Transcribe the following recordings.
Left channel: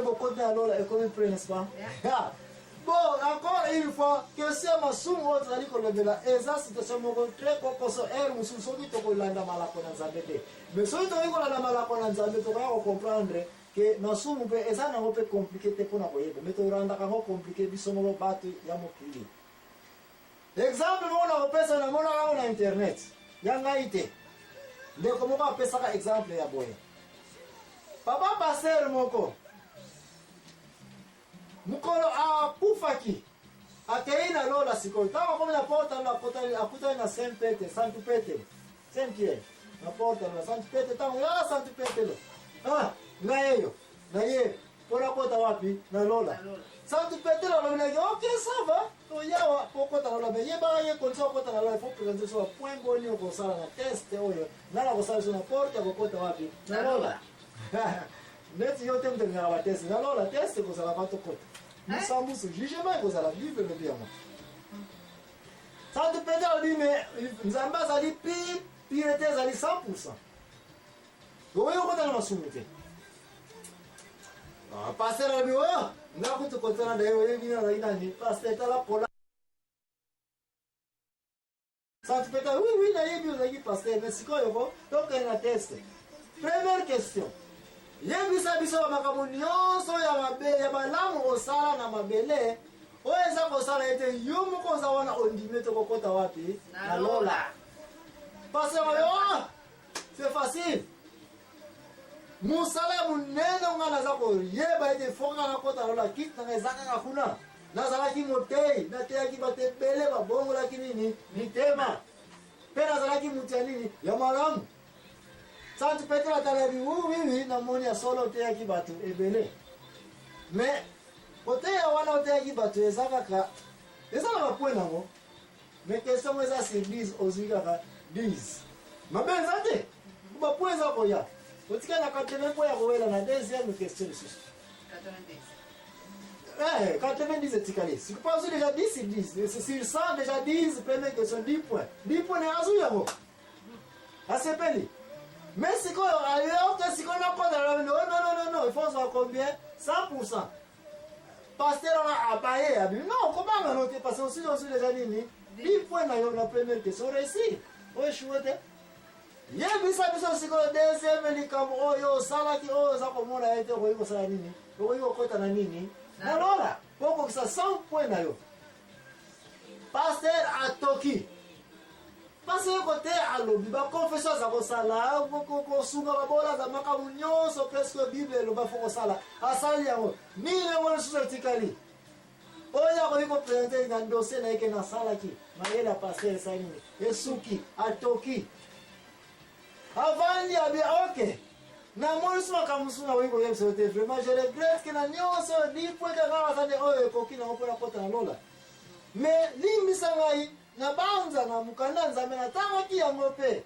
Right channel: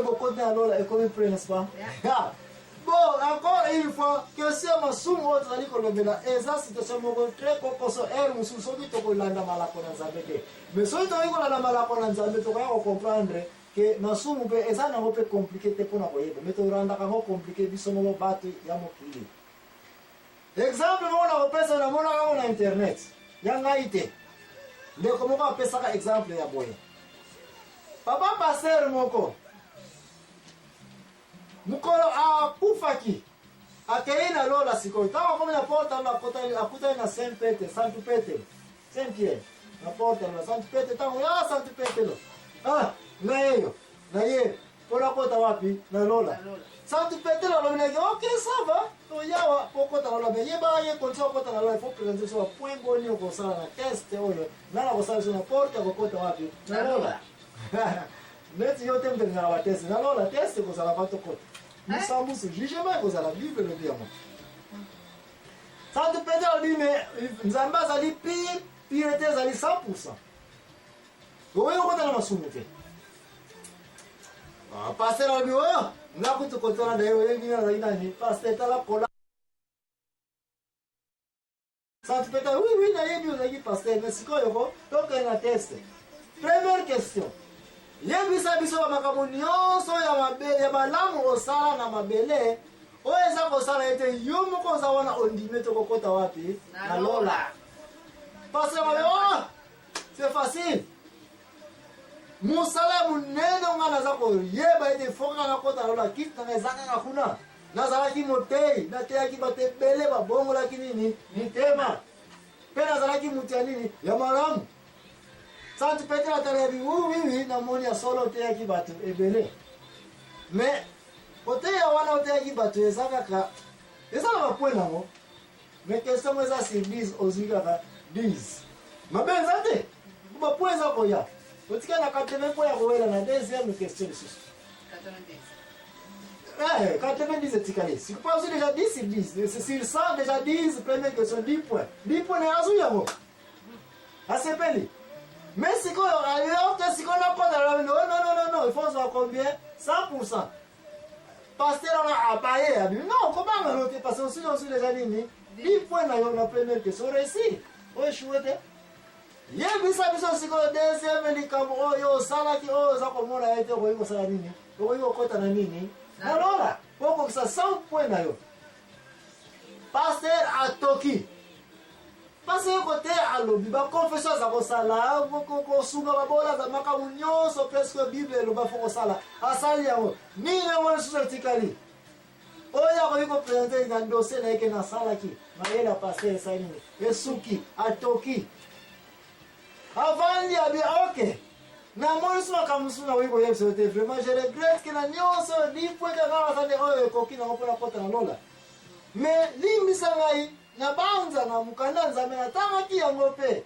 beaucoup de alors et comme prend, n'est-ce pas? Bon, encore une fois, que si on assume autre ali kolobela, eza situation moko très kokoso musu soki to kolanda malako na Nzambe. Mais soki to kolanda malako na Nzambe to ko comprendre que nasumu pe eza na pe compliqué te pona koyeba, mais to randa ka compliqué biso moko batu ya mokili. Exemple mona opesa na mona ka na internet. Ya ngaite. Ndeko moko apesa ka exemple ya boye. Papa passer moko mukolo akufaki akeina lola sikoyo tawa kama na porta la akuta na Saint Peter Saint Pierre na porta na Saint Peter tawa ya Saint Peter lo na yeyo na ye pora kota wapi na lola Saint Peter lo na ok ça va to yawa pokota lola be ye ba ye konso kota lola faut présenter so point boni ko sala na test oyo na la ko sala na porta ko kota wapi na lola neti yote mtenga wa test na lola test ko sala pato kota nous sommes jugement vous à la Bible le dire moi Saint Peter dit mais nzamba zali pire zali 100%. Oyo kota na masumuke pasteur ali oyo ngakutu kotona na yo yengina na inani pasteur tala kola Saint Peter oui na yebi ozaki pasteur mais sikoyo ko donc na test. Première question. Yebisa biso makambo nyonso ya mabele ya malamu osala na mabele oeza kosala ete yo moko oza wana ondime to kokota wapi na lola parce que c'est facile musala munene ngana za ko yeba ete fonga na kota lola kitna ngezaka ngakuna nazala ki motei na te ki batebele ba bongo la kinini ni tema pena zala ki mutianini ya malamu Saint Peter atalabi oui na moni ya solo te yaki batu ebele mais kote ya wana te yaki batu ezaka ka ezala ba point nango mais question eza sur 10 ozika ka 10 mabenza te ba point za ko ya otika na 80 point ya ko wela na deuxième question de sus 90 90 etikali si pas déjà 10 sur 10 c'est sur 100 déjà 10 première question 10 points na azu yango asepeli. Mais si on a pas de non, il faut savoir combien 100%. Pasteur on a abayé, non, comment on a noté parce que aussi déjà dit 10 points dans la première question réussi. On échoué. Il y a bisa si on deuxième likambo yo sala ki o za ko mona ete ko iko sala nini? Ko iko kota na nini? Na lola. Poko kisa 100 points na yo. Pasteur a toki. Parce que côté alobi ba confession za ko sala ko sunga ba bola za makamu nyonso presque Bible lo ba foko sala asali yango ni le susa tikali oya ko iko presenter na dossier na yake na sala ki mayela passer sani esuki atoki avant ya bi OK na moni suma kamusuna wiko yebse te vraiment je regrette que na nyonso ni point ka ngala sande oyo koki na ngopona kota na lola mais limisa ngai na banza na mukanda Nzambe na tanga ki yango pe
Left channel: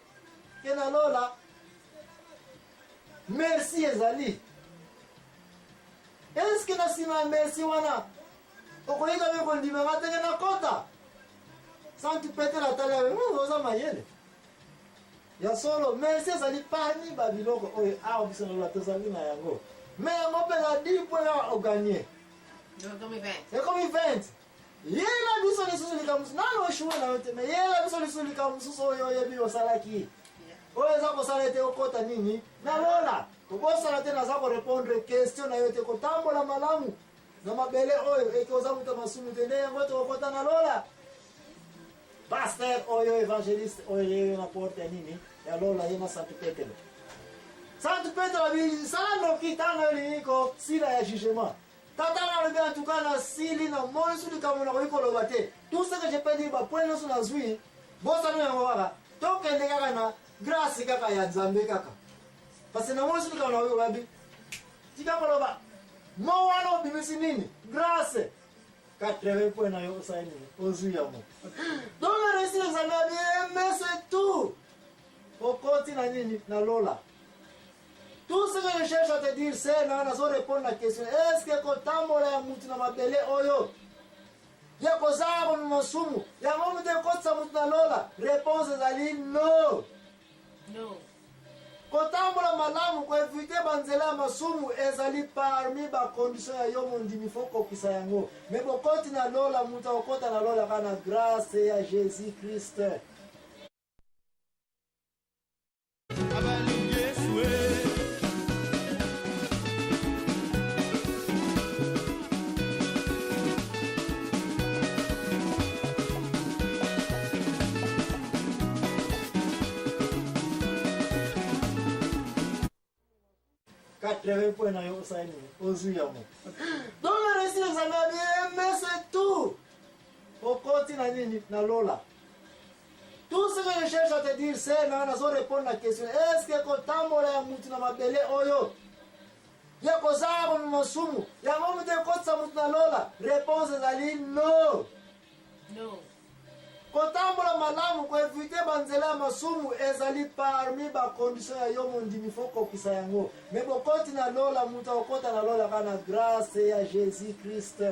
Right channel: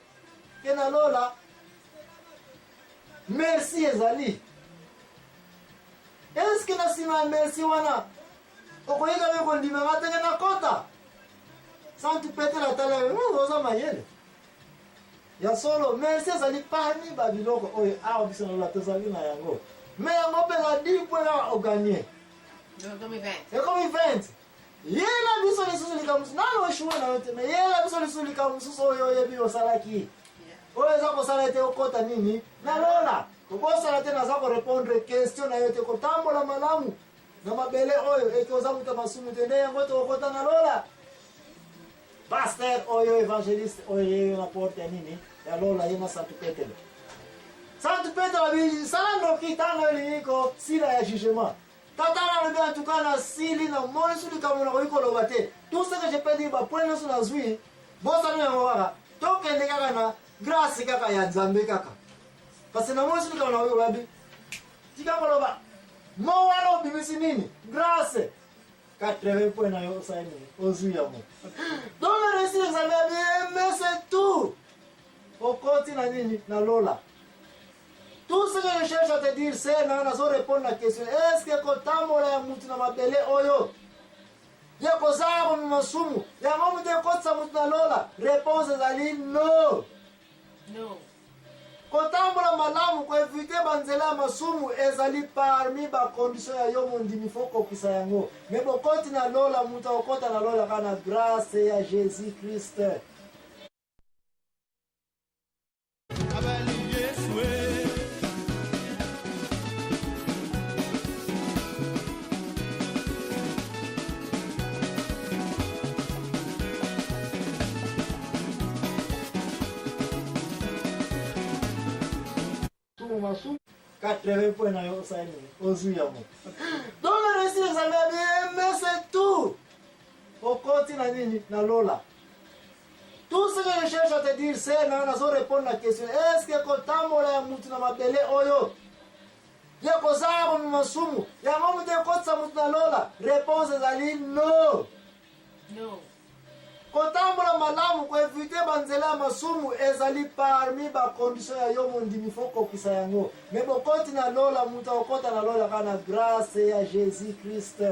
ke na lola merci ezali est-ce que na sima merci wana okoyika beko ndima matenge na kota Saint Peter atala oza mayele ya solo merci ezali pani babiloko oyo awa biso na lola tozali na yango mais yango pe na 10 points à gagner comme 20 yela biso lisusu likamusu nalo eshuwe na yote me yela biso lisusu likamusu oyo yebi osalaki oyo za kosala ete okota nini na lola okosala te naza ko répondre question na yote kotambola malamu na mabele oyo eke oza muta masumu te nde yango tokokota na lola pasteur oyo évangéliste oyo na porte ya nini ya lola ye na Saint Peter abi sala ndoki tano liniko sila ya jugement Tatala le en tout cas na sili na moni suli kamona ko ikolo bate. Tout ce que je peux dire ba point na suna zui. Bosa na ngwaka. To kende kaka na grâce kaka ya Nzambe kaka. Parce que na moni suli kamona ko babi. Tika ko ba. Mo walo bimisi nini? Grâce. 80 points na yo sa ni. Ozui ya mo. Donc le récit de Nzambe mais c'est tout. Au continent nini na lola. Tout ce que je cherche à te dire, c'est na so répondre à la question. Est-ce que kotambola ya mutu na mabele oyo? Ya kozaba masumu. Ya mamu de kotsa mutu na lola. Réponse ezali non. No. kotambola malamu koevite banzela masumu ezali parmi bacondition ya yo mondimi fo kokisa yango. Me bokoti na lola mutu okota na lola kana grâce ya Jésus Christ. Masu 80 points na yo saini ozuya mo. Donc le récit examen bien, mais c'est tout. Au continent nini na lola. Tout ce que je cherche à te dire c'est na zo répondre à la question. Est-ce que kotambola ya mutu na mabele oyo ya kozaba mu masumu ya ngomu de kotsa mutu na lola? Réponse ezali no. No. Kotambola malamu koevite banzela masumu ezali parmi bacondition ya yo mondimi fo kokisa yango. Me bokoti na lola mutu okota na lola kana grâce ya Jésus Christ.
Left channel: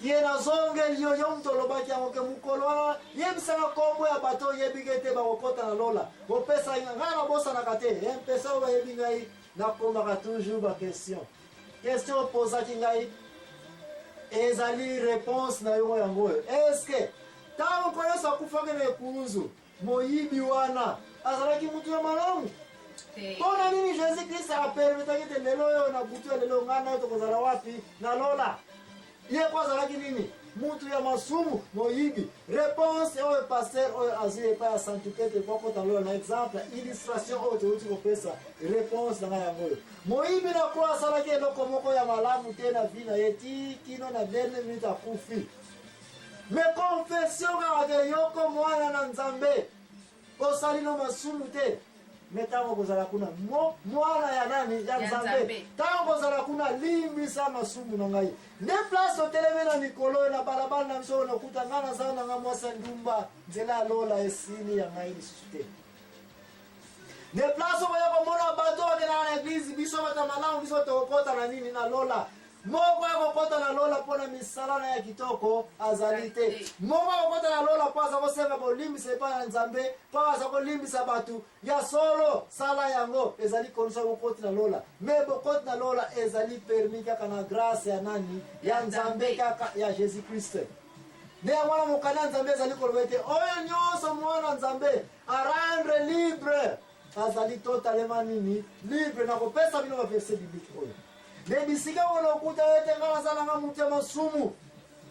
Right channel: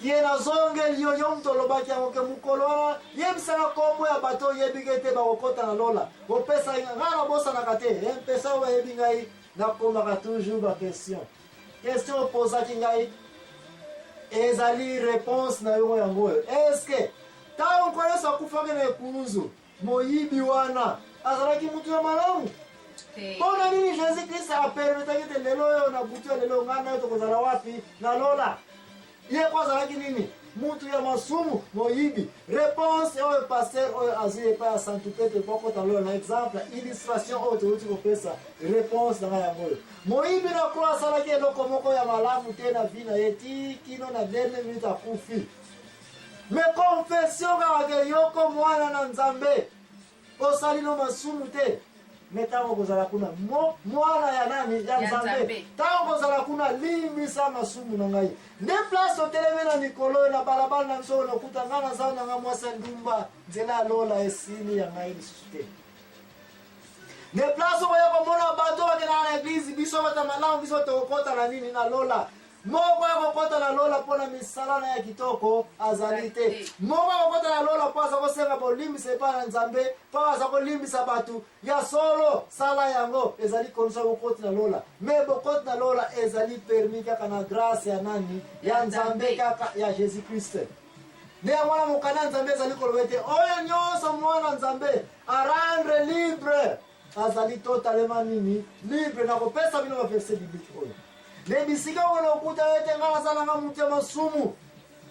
Kie na zonge liyo yo mtu olobaki yango ke mukolo wana yebisaka kombo ya bato yebike te bakokota na lola. Bopesa ngana bosanaka te. Mpesa oyo yebi ngai nakomaka toujours ba question. Question opozaki ngai ezali réponse na yo yango. Est-ce que tango koyesa kufake na ekuruzu moyibi wana azalaki mutu ya malamu? Pona nini Jésus Christ apermetaki te lelo yo na butu ya lelo ngana yo tokozala wapi na lola? Ye kwa azalaki nini? Mutu ya masumu moyibi. Réponse oyo pasteur oyo azwi epai ya Santu Petre pokota lola na exemple illustration oyo toluti kopesa réponse na ngai yango. Moyibi na kwa asalaki eloko moko ya malamu te na vi na ye ti kino na dernière minute akufi. Me confession kaka ke yoko mwana na Nzambe osali no masumu te. Me tango kozala kuna mwana ya nani ya Nzambe. Tango kozala kuna limbisa masumu na ngai. Ne place oteleme na mikolo na balabala na biso na kuta ngana za na nga mwasa ndumba nzela lola esili ya ngai lisusu te. Ne place oya komona bato bakena na eglise biso bata malamu biso tokota na nini na lola. Moko ya kokota na lola pona misala na ya kitoko azali te. Moko ya kokota na lola po aza kosenga bolimbisa epai na Nzambe, po aza kolimbisa batu ya solo sala yango ezali konsa bokoti na lola. Me bokoti na lola ezali permis kaka na grâce ya nani? Ya Nzambe kaka ya Jésus Christ. Ne ya mwana mokana Nzambe ezali kolobete oyo nyonso mwana Nzambe a rendre libre azali totalement nini? Libre na kopesa bino ba verset biblique oyo. Ne bisika wana okuta ete ngana za nanga mutu ya masumu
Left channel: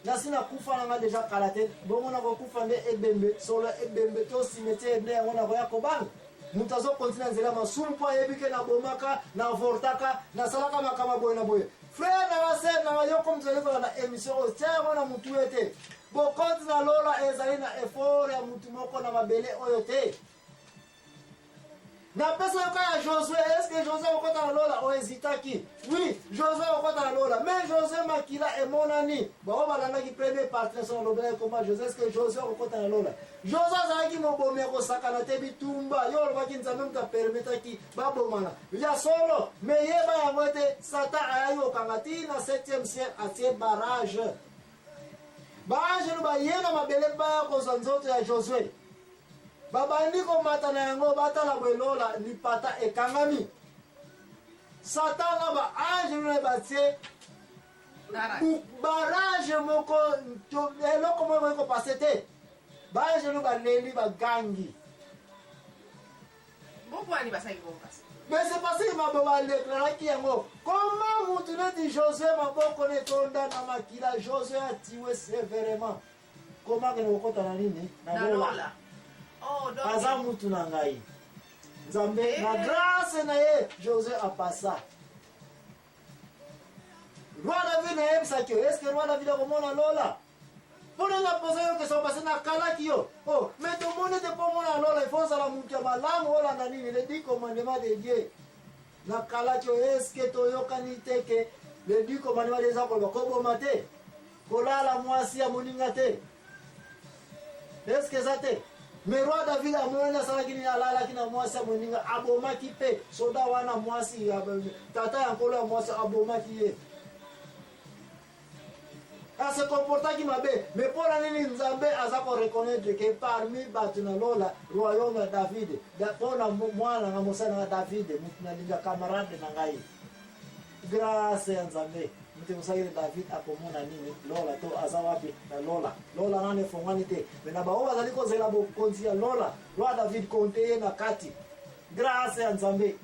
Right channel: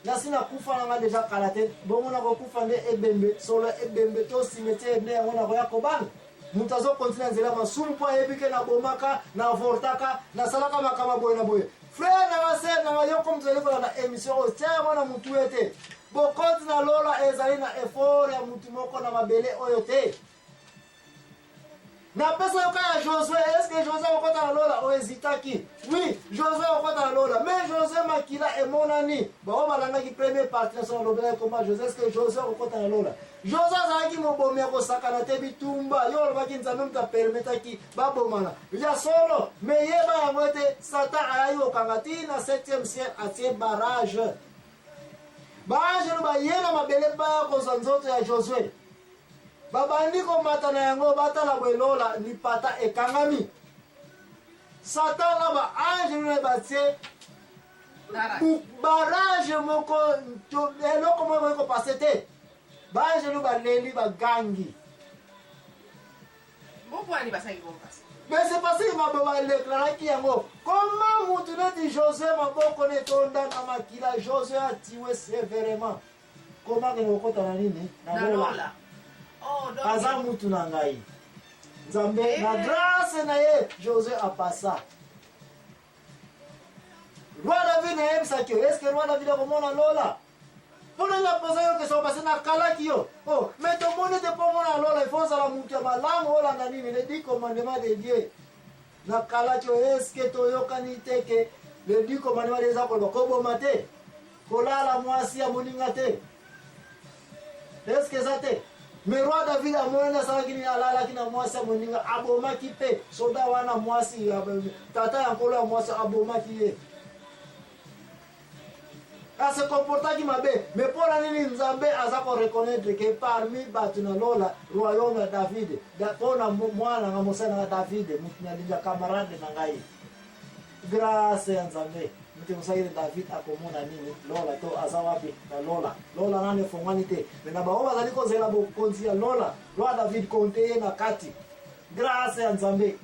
na sina kufa nanga deja kala te bongo na kokufa nde ebembe solo ebembe to cimetière nde yango na koya kobanga mutu azokontina nzela masumu mpo ayebike na bomaka na avortaka na salaka makama boye na boye. Frère nanga ser nanga yoko mutu alikola na émission oyo tia yango na mutu ete bokoti na lola ezali na effort ya mutu moko na mabele oyo te. Na pesa yoka ya Josué, est-ce que Josué okota na lola o hésitaki? Oui, Josué okota na lola, mais Josué makila et monani. Bon, balanga ki premier partie sur le blé comment Josué, est-ce que Josué okota na lola? Josué azaki mobomi ko sakana te bitumba, yo lobaki Nzambe mta permetaki babomana. Ya solo, mais yeba ya mwete Satan ayo kangati na 7e ciel atie barrage. Barrage no ba yena mabele ba ko nzoto ya Josué. Babandi komata na yango batala bwelola lipata ekangami. Satan na ba ange ne batie barrage moko to eloko moko ko pasete. Ba ange no ba leli ba gangi. Bongo ani basaki bombas. Mais c'est parce que m'a ba déclarer ki yango. Comment mutu ne Josué maboko ne tonda na makila Josué a tué sévèrement. Comment que ne kokota na nini? Na lola. Oh, aza mutu na ngai Nzambe na grâce na ye Josué apasa. Roi David na yebisaki yo. Est-ce que roi David akomona lola? Pona nga posa yo question parce na kalaki yo. Oh, mais to mone te pomona lola il faut sala mutu ya malamu olanda nini les 10 commandements de Dieu. Na kalaki yo est-ce que to yokani te ke les 10 commandements de Dieu ko koboma te? Kolala mwasi ya moninga te. Est-ce que ça te? Mais roi David a mwana salaki ni alala kina mwasi moninga abomaki pe soda wana mwasi tata ya nkolo ya mwasi abomaki ye. a se comporta qui mabe mais pour la nini nzambe aza ko reconnaître que parmi batu na lola royaume ya David da pona mwana nga mosana na David mutu na linga camarade na ngai grâce ya nzambe mutu musaire David akomona nini lola to aza wapi na lola nane fongani te mena baoba zali ko zela bo konzi ya lola roi David konte na kati grâce ya nzambe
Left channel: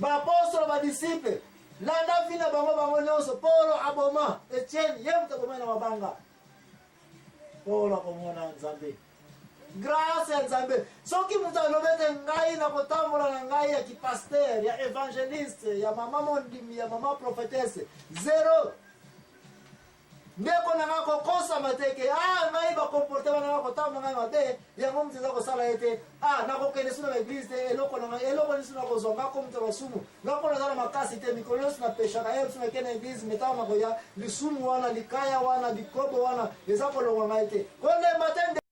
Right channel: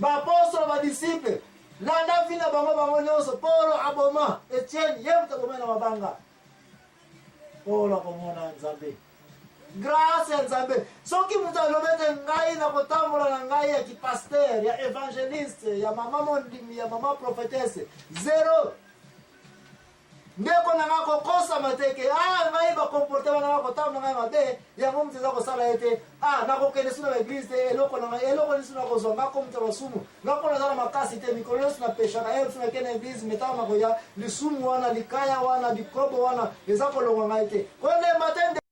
ba apostole ba disciple landa vina bango nyonso Paulo aboma Etienne yemta bomena mabanga Paulo akomona nzambe grâce ya nzambe soki mutu alobete ngai na kotambola na ngai ya kipaster ya evangeliste ya mama mondimi ya mama prophetesse zero ndeko na nga kokosa mateke ngai bakomporte bana nga kotambola ngai mabe yango mutu eza kosala ete nakokende suna na eglise te eloko nisu na kozwa nga komutu basumu nga mpona eza na makasi te mikolo nyonso na peshaka ye suna kende eglise metao na koya lisumu wana likaya wana bikobo wana eza kolongwa ngai te koyonde matin